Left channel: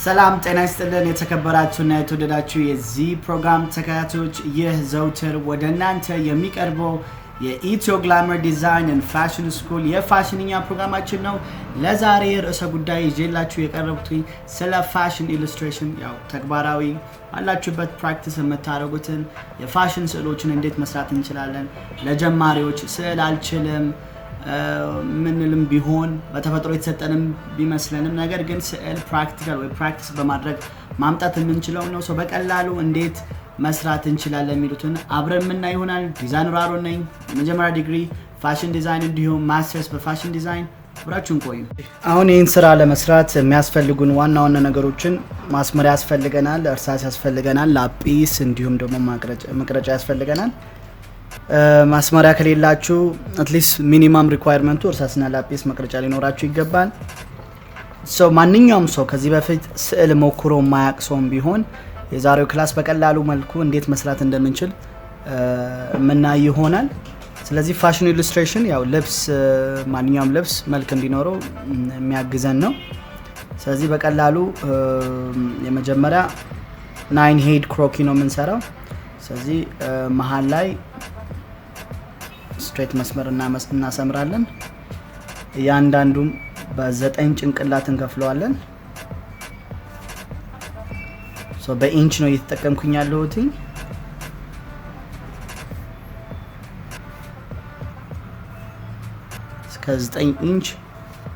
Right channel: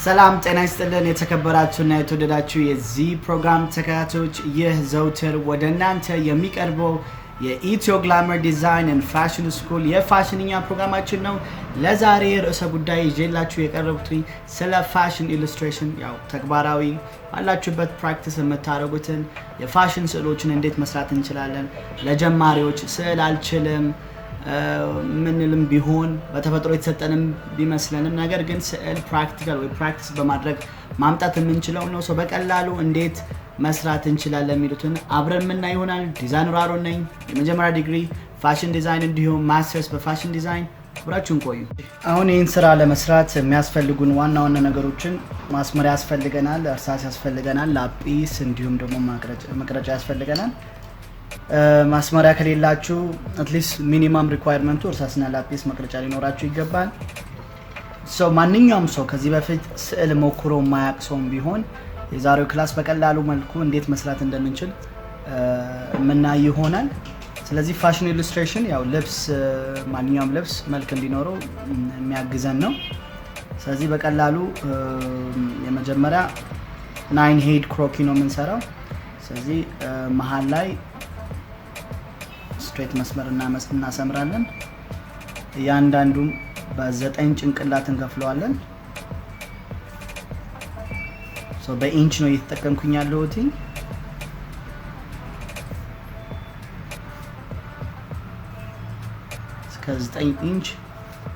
ሰላም ጤና ይስጥልን የተከበራችሁና የተወደዳችሁ የዚህ ፕሮግራም ተከታታዮች ይህ ዘውትር ወደ እናንተ የሚቀርበው የኢትዮግላመር ዲዛይን ኤንድ ፋሽን ስኩል የፋሽንኛ ፕሮግራማችን ነው። ለዛሬ ርዕሰ ጉዳይ ይዤላችሁ የቀረብኩት ስለ ፋሽን ኢሉስትሬሽን ያው ተግባራዊ አላችሁበት ፕራክቲስ የምታደርጉትን የፋሽን ስዕሎችን እንዴት መስራት እንችላለን። ለጀማሪዎች ስዕል አልችልም ምንልም ቢሆን በተፈጥሮ የተሰጠንም ቢመስለንም ነገር ግን ስዕል ፕራክቲካል ወይ ፕራክቲስ በማድረግ ማምጣት የምንችለው ነው። ሰው በቀላሉ እንዴት መስራት እንችላለን የሚሉትን አብረን የምናይ ይሆናል። ዲዛይነር አሮን ነኝ። የመጀመሪያ ዲግሪ ፋሽን ዲዛይን እንዲሁም ማስተርስ በፋሽን ዲዛይን። አብራችሁን ቆዩ። አሁን ይህን ስራ ለመስራት የሚያስፈልጉን ዋና ዋና ነገሮችን ማስመሪያ ያስፈልገናል፣ እርሳስ ያስፈልገናል፣ ላጲስ እንዲሁም ደግሞ መቅረጫ ያስፈልገናል። ማስመሪያ ከሌላችሁ አትሊስት ሚኒመም ሪኳየርመንቱ እርሳስና ላጲስ መቅረጫ ሊኖራችሁ ይገባል። ማንኛውም ሰው ከዚህ በፊት ስዕል ሞክሮ የማያውቅ ሰውም ቢሆን የዛሬው ክላስ በቀላሉ መልኩ እንዴት መስራት እንደምንችል የምናይ ይሆናል። ስለዚህ ፋሽን ኢሉስትሬሽን ያው ልብስ ማንኛውም ልብስ መልክ እንዲኖረው የሚያግዘን ነው። ስለዚህ በቀላሉ የመጀመሪያ 9 ሄድ ክሮኪ ነው የምንሰራው። ስለዚህ መሃል ላይ ስትሬት መስመር እናሰምራለን። እያንዳንዱን በ9 ጭንቅላት እንከፍለዋለን። በኢንች ነው እየተጠቀምኩኝ ያለሁት። እስከ 9 ኢንች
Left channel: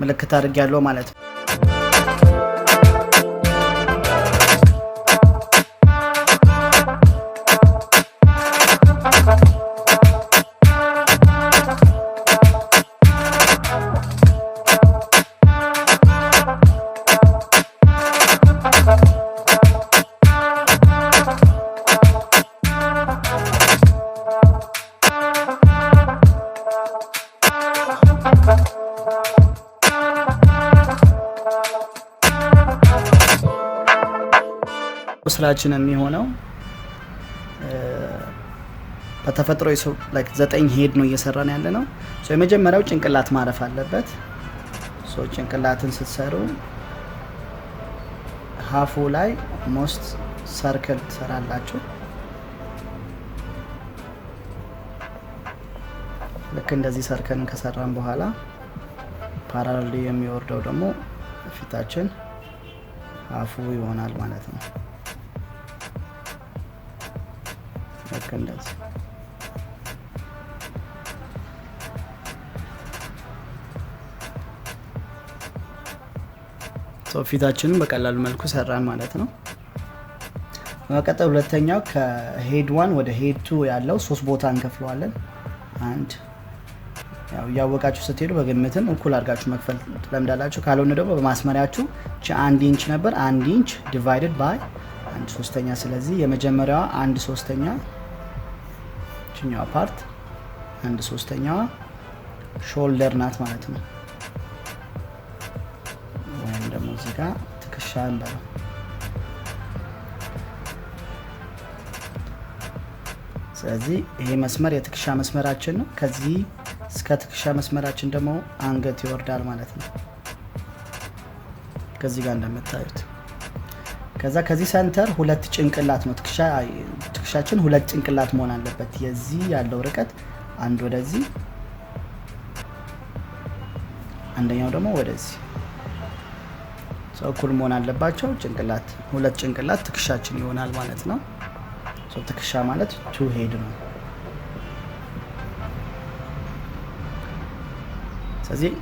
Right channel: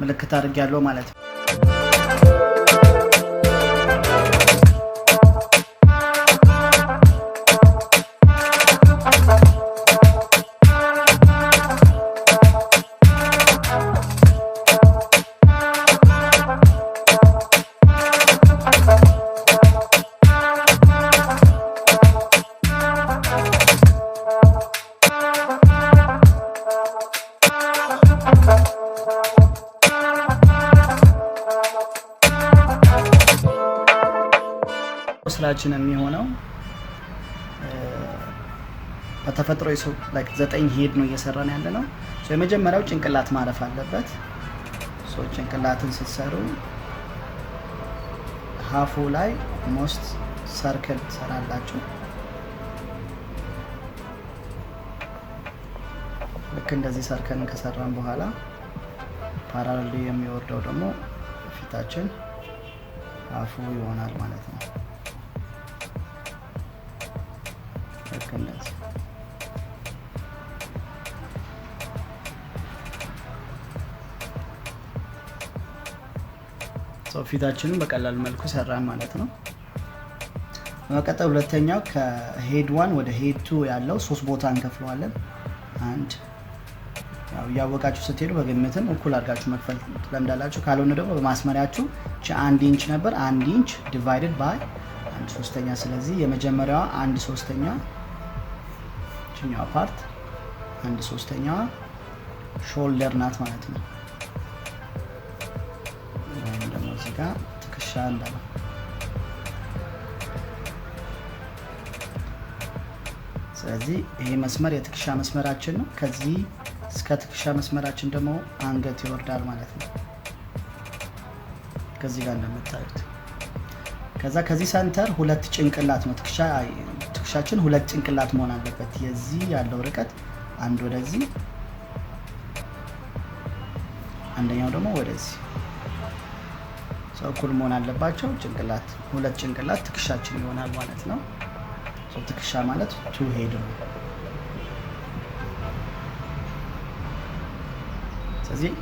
ምልክት አድርጌያለሁ ማለት ነው። ስራችን የሚሆነው በተፈጥሮ 9 ሄድ ነው እየሰራን ያለ ነው። የመጀመሪያው ጭንቅላት ማረፍ አለበት። ጭንቅላትን ስትሰሩ ሀፉ ላይ ሞስት ሰርክል ትሰራላችሁ። ልክ እንደዚህ ሰርክልን ከሰራን በኋላ ፓራሌል የሚወርደው ደግሞ ፊታችን ሀፉ ይሆናል ማለት ነው። ፊታችንን በቀላል መልኩ ሰራን ማለት ነው። በመቀጠል ሁለተኛው ከሄድ 1 ወደ ሄድ 2 ያለው 3 ቦታ እንከፍለዋለን። አንድ ያው ያወቃችሁ ስትሄዱ በግምትም እኩል አድርጋችሁ መክፈል ትለምዳላችሁ። ካልሆነ ደግሞ በማስመሪያችሁ 1 ኢንች ነበር 1 ኢንች ዲቫይድድ ባይ 1/3። ስለዚህ የመጀመሪያዋ 1/3 ኛው ፓርት 1/3 ሾልደር ናት ማለት ነው። ወይም ደግሞ እዚህ ጋር ትከሻ እንበለው። ስለዚህ ይሄ መስመር የትከሻ መስመራችን ነው። ከዚህ እስከ ትከሻ መስመራችን ደግሞ አንገት ይወርዳል ማለት ነው። ከዚህ ጋር እንደምታዩት ከዛ ከዚህ ሰንተር 2 ጭንቅላት ነው። ትከሻችን 2 ጭንቅላት መሆን አለበት። የዚህ ያለው ርቀት አንድ ወደዚህ አንደኛው ደግሞ ወደዚህ እኩል መሆን አለባቸው። ጭንቅላት 2 ጭንቅላት ትከሻችን ይሆናል ማለት ነው። ትከሻ ማለት 2 ሄድ ነው። ስለዚህ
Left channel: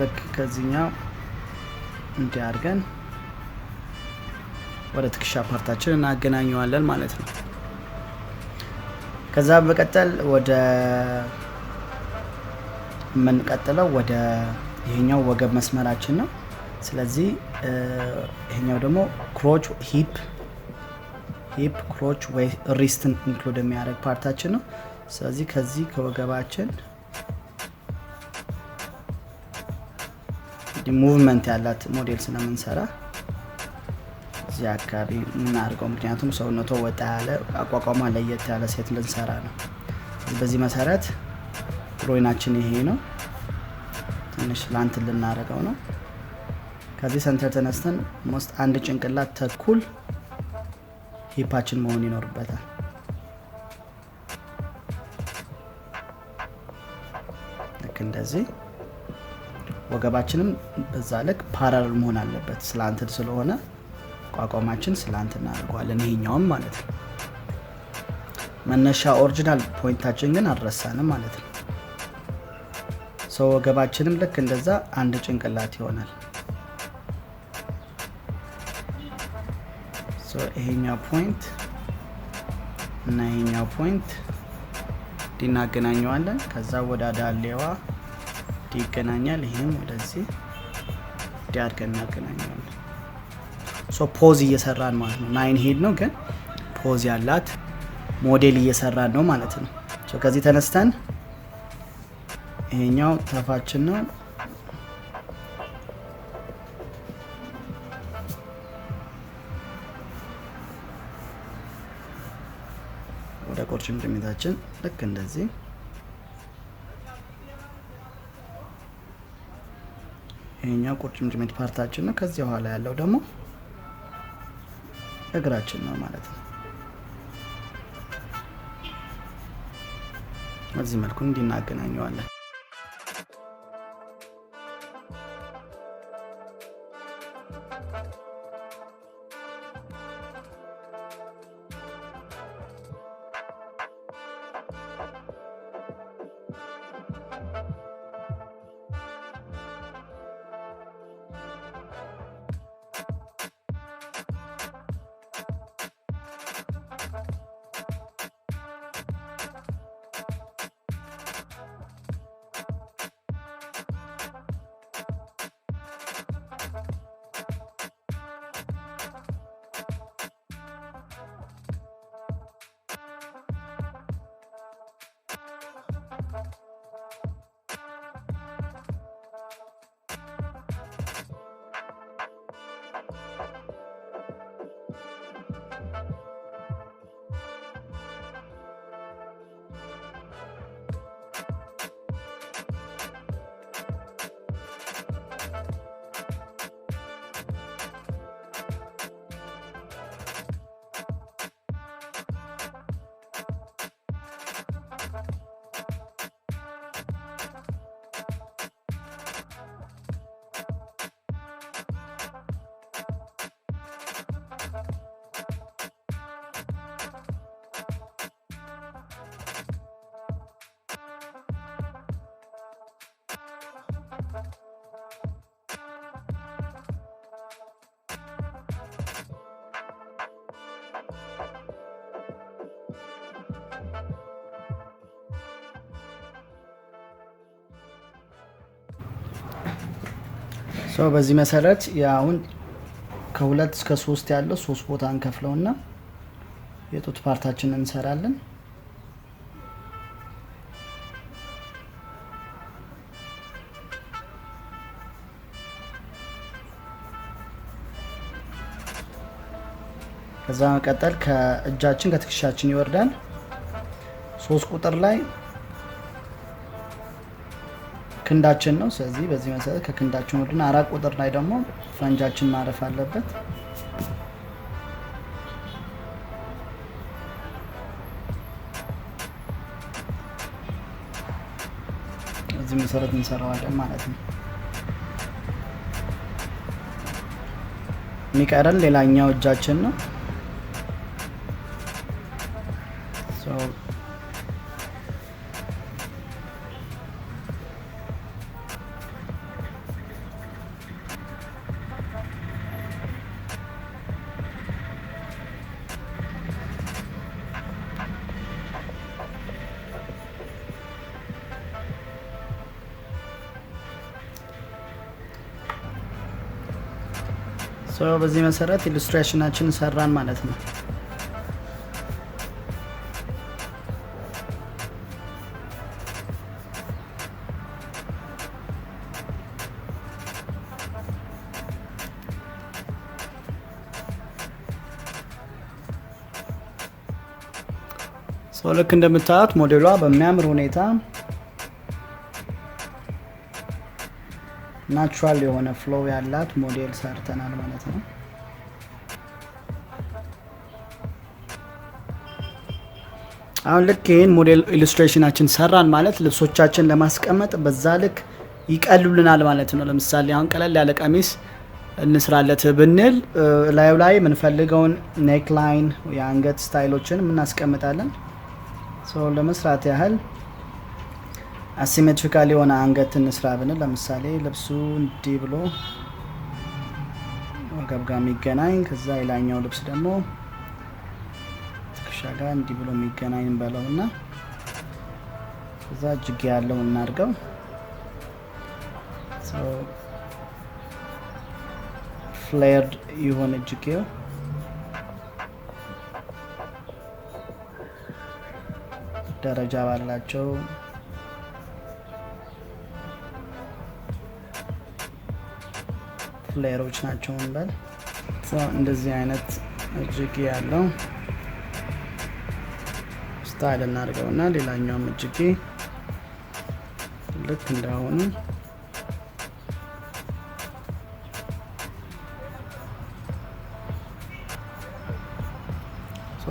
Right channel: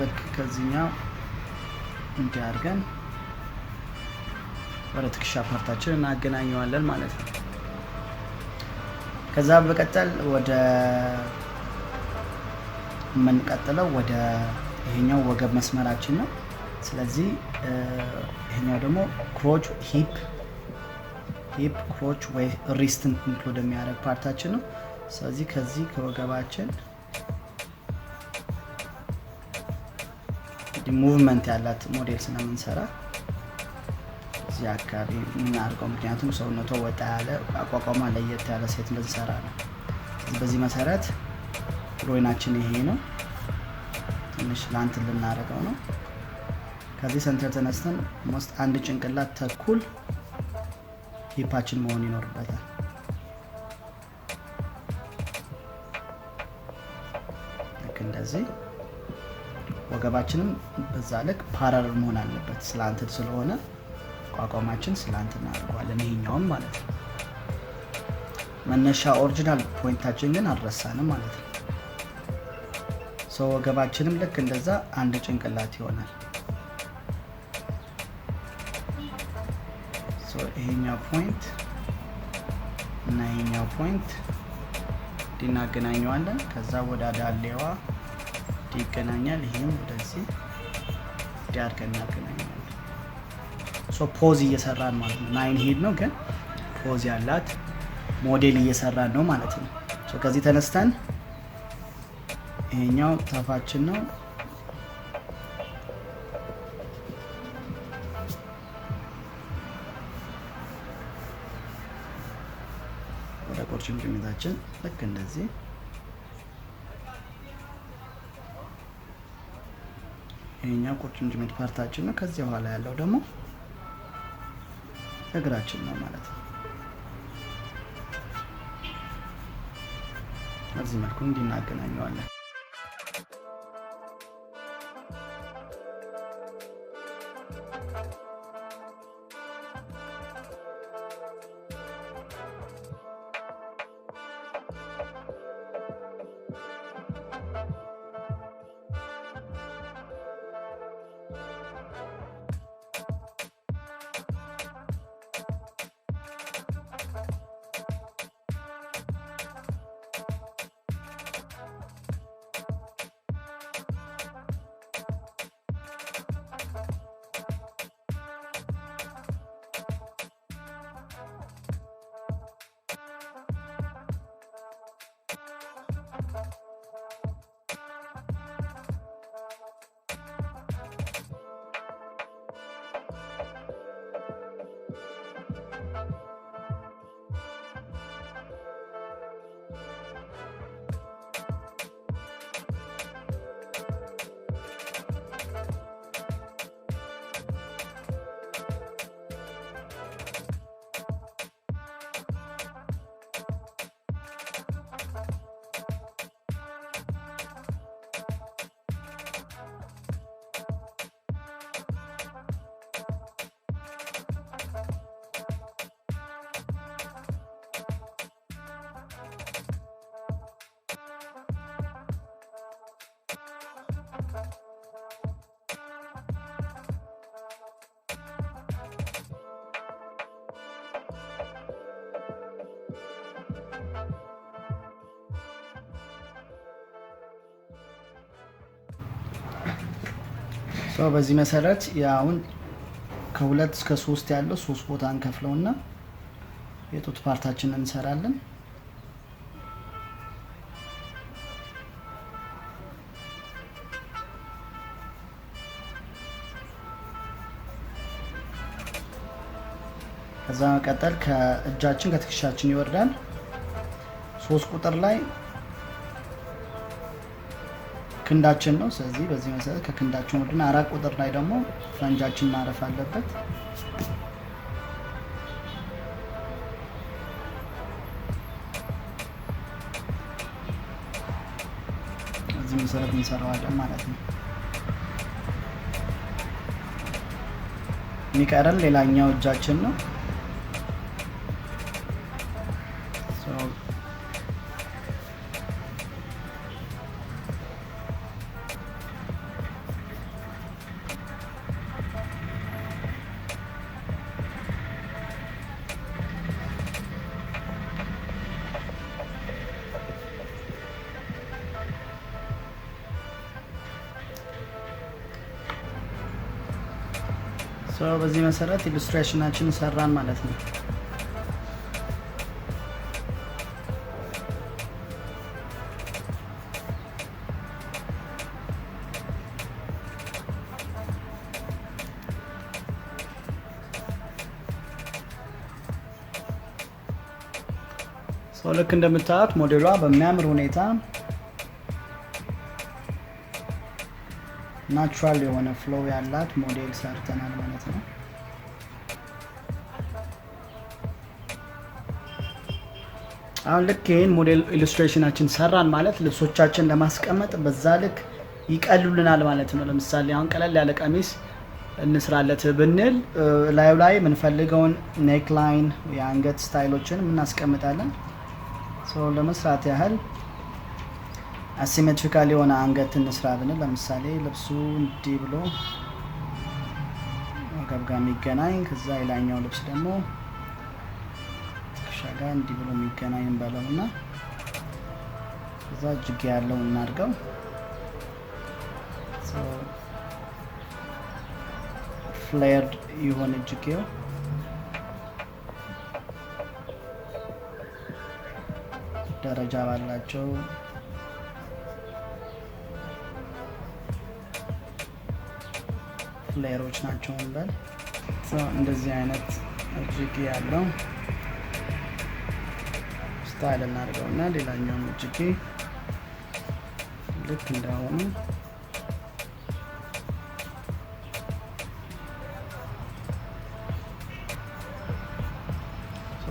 ልክ ከዚህኛው እንዲያርገን ወደ ትከሻ ፓርታችን እናገናኘዋለን ማለት ነው። ከዛ በቀጠል ወደ የምንቀጥለው ወደ ይሄኛው ወገብ መስመራችን ነው። ስለዚህ ይሄኛው ደግሞ ክሮች ሂፕ ክሮች ወይ ሪስትን ኢንክሉድ የሚያደርግ ፓርታችን ነው። ስለዚህ ከዚህ ከወገባችን ሙቭመንት ያላት ሞዴል ስለምንሰራ እዚህ አካባቢ የምናደርገው ምክንያቱም ሰውነቷ ወጣ ያለ አቋቋሟ ለየት ያለ ሴት ልንሰራ ነው። በዚህ መሰረት ሮይናችን ይሄ ነው። ትንሽ ላንት ልናደርገው ነው። ከዚህ ሰንተር ተነስተን ሞስት አንድ ጭንቅላት ተኩል ሂፓችን መሆን ይኖርበታል። ልክ እንደዚህ ወገባችንም በዛ ልክ ፓራል መሆን አለበት። ስላንትድ ስለሆነ ቋቋማችን ስላንት እናደርገዋለን። ይሄኛውን ማለት ነው። መነሻ ኦሪጂናል ፖይንታችን ግን አልረሳንም ማለት ነው። ወገባችንም ልክ እንደዛ አንድ ጭንቅላት ይሆናል። ይሄኛው ፖይንት እና ይሄኛው ፖይንት እናገናኘዋለን። ከዛ ወደ ዳሌዋ ይገናኛል። ይሄም ወደዚህ ዳርገን እናገናኘዋለን። ፖዝ እየሰራን ማለት ነው። 9 ሄድ ነው ግን ፖዝ ያላት ሞዴል እየሰራን ነው ማለት ነው። ከዚህ ተነስተን ይሄኛው ታፋችን ነው። ወደ ቁርጭምጭሚታችን ልክ እንደዚህ ይሄኛው ቁርጭምጭሚት ፓርታችን ነው። ከዚህ በኋላ ያለው ደግሞ እግራችን ነው ማለት ነው። በዚህ መልኩ እንዲናገናኘዋለን። በዚህ መሰረት ያውን ከ2 እስከ 3 ያለው 3 ቦታ እንከፍለውና የጡት ፓርታችንን እንሰራለን። ከዛ መቀጠል ከእጃችን ከትከሻችን ይወርዳል። 3 ቁጥር ላይ ክንዳችን ነው። ስለዚህ በዚህ መሰረት ከክንዳችን ወርድና 4 ቁጥር ላይ ደግሞ ፈንጃችን ማረፍ አለበት። በዚህ መሰረት እንሰራዋለን ማለት ነው። የሚቀረን ሌላኛው እጃችን ነው። በዚህ መሰረት ኢሉስትሬሽናችንን ሰራን ማለት ነው። ልክ እንደምታዩት ሞዴሏ በሚያምር ሁኔታ ናቹራል የሆነ ፍሎው ያላት ሞዴል ሰርተናል ማለት ነው። አሁን ልክ ይሄን ሞዴል ኢሉስትሬሽናችን ሰራን ማለት ልብሶቻችን ለማስቀመጥ በዛ ልክ ይቀሉልናል ማለት ነው። ለምሳሌ አሁን ቀለል ያለ ቀሚስ እንስራለት ብንል ላዩ ላይ የምንፈልገውን ኔክ ላይን የአንገት ስታይሎችን እናስቀምጣለን። ለመስራት ያህል አሲሜትሪካል የሆነ አንገት እንስራ ብንል ለምሳሌ ልብሱ እንዲህ ብሎ ወገብ ጋር የሚገናኝ ከዛ የላኛው ልብስ ደግሞ ትከሻ ጋር እንዲህ ብሎ የሚገናኝ እንበለውና ከዛ እጅጌ ያለው እናድርገው። ፍሌርድ የሆነ እጅጌው ደረጃ ባላቸው ፍሌሮች ናቸው እንበል። እንደዚህ አይነት እጅጌ ያለው ስታይል እናድርገውና ሌላኛውም እጅጌ ልክ እንዳሁኑ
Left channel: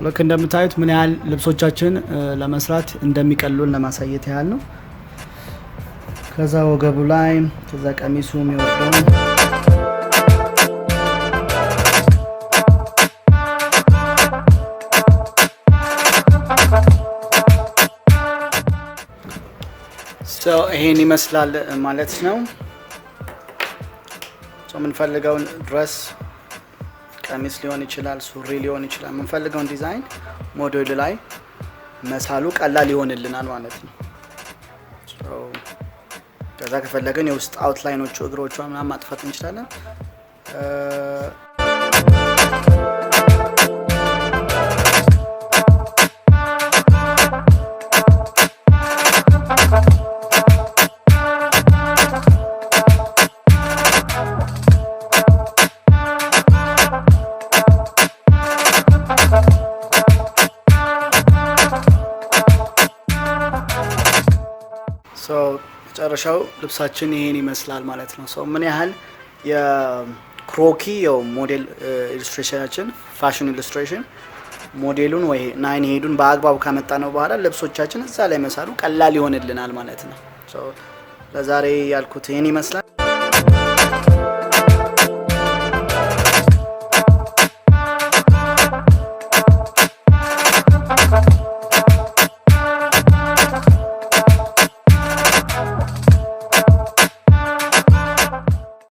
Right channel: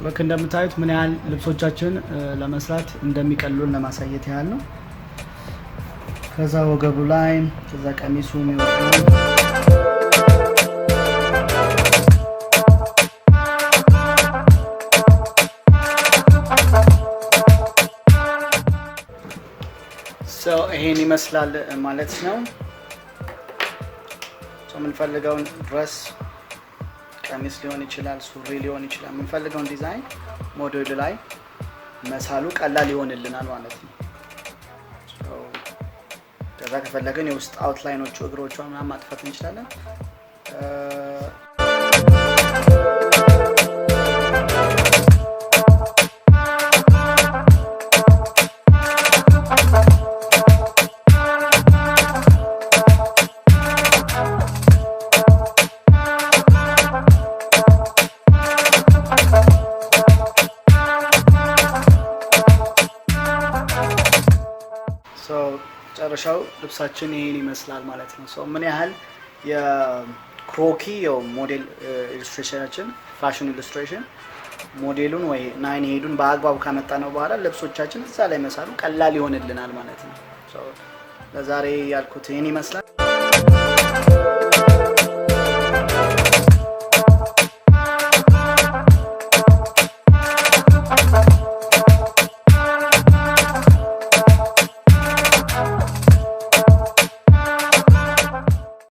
ልክ እንደምታዩት ምን ያህል ልብሶቻችን ለመስራት እንደሚቀሉን ለማሳየት ያህል ነው። ከዛ ወገቡ ላይ ከዛ ቀሚሱ የሚወርደው ይሄን ይመስላል ማለት ነው። የምንፈልገውን ድረስ ቀሚስ ሊሆን ይችላል፣ ሱሪ ሊሆን ይችላል። የምንፈልገውን ዲዛይን ሞዴል ላይ መሳሉ ቀላል ይሆንልናል ማለት ነው። ከዛ ከፈለገን የውስጥ አውትላይኖቹ እግሮቿ ምናምን ማጥፋት እንችላለን። መጨረሻው ልብሳችን ይሄን ይመስላል ማለት ነው። ምን ያህል የክሮኪ ሞዴል ኢሉስትሬሽናችን ፋሽን ኢሉስትሬሽን ሞዴሉን ወይ ናይን ሄዱን በአግባቡ ካመጣ ነው በኋላ ልብሶቻችን እዛ ላይ መሳሉ ቀላል ይሆንልናል ማለት ነው። ለዛሬ ያልኩት ይሄን ይመስላል።